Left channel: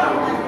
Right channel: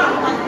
Gracias.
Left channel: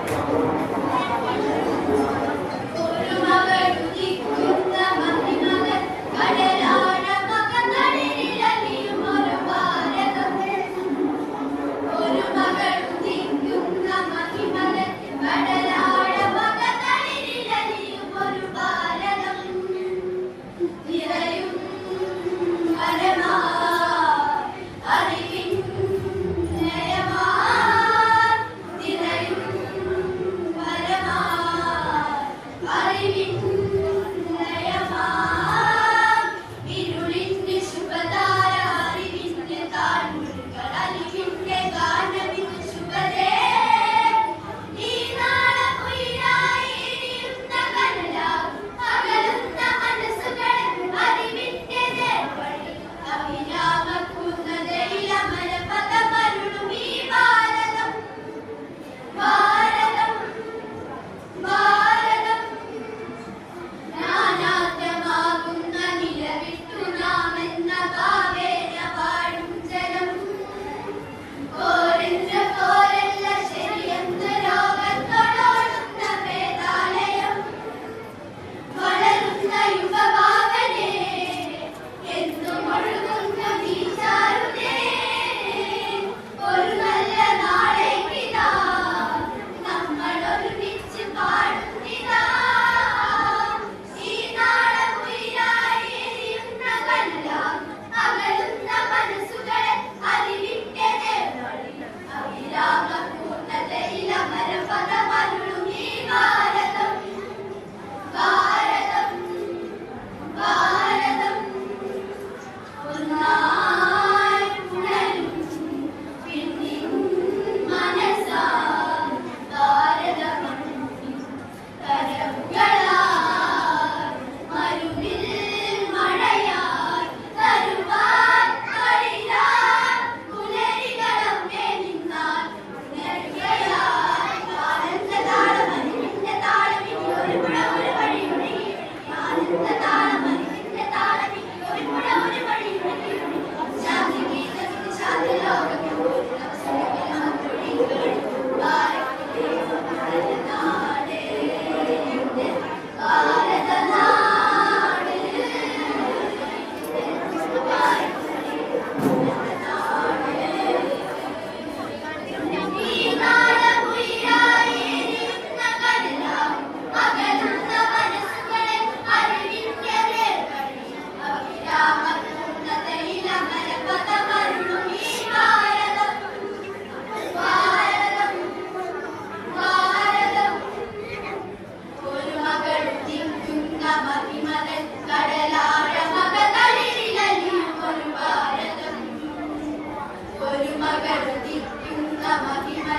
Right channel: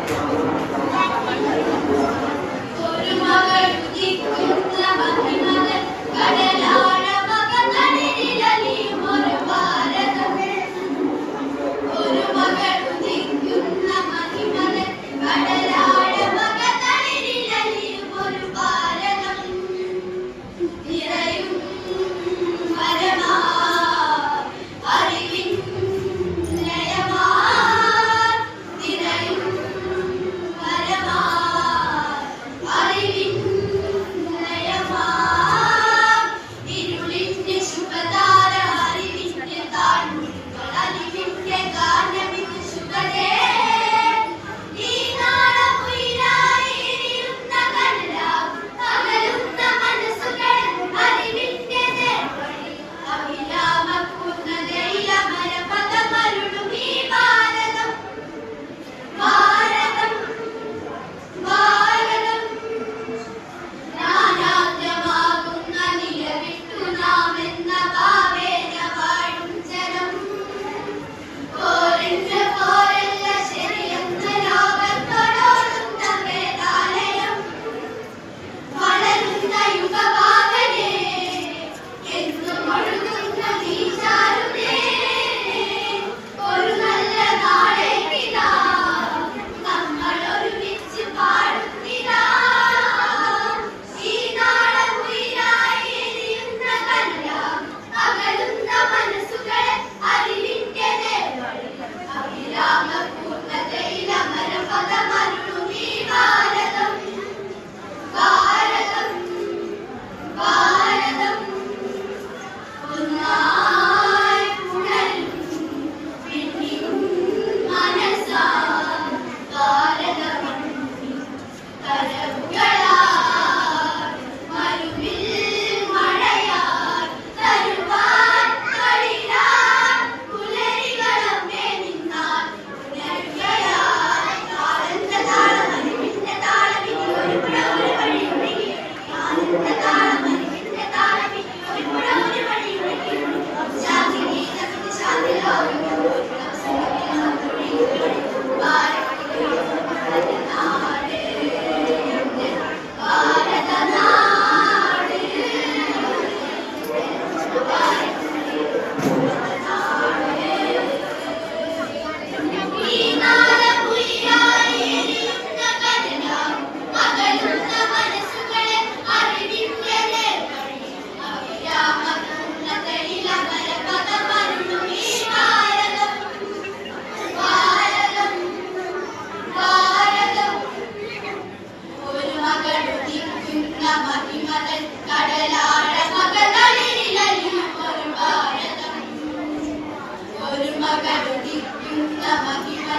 begitu lama kita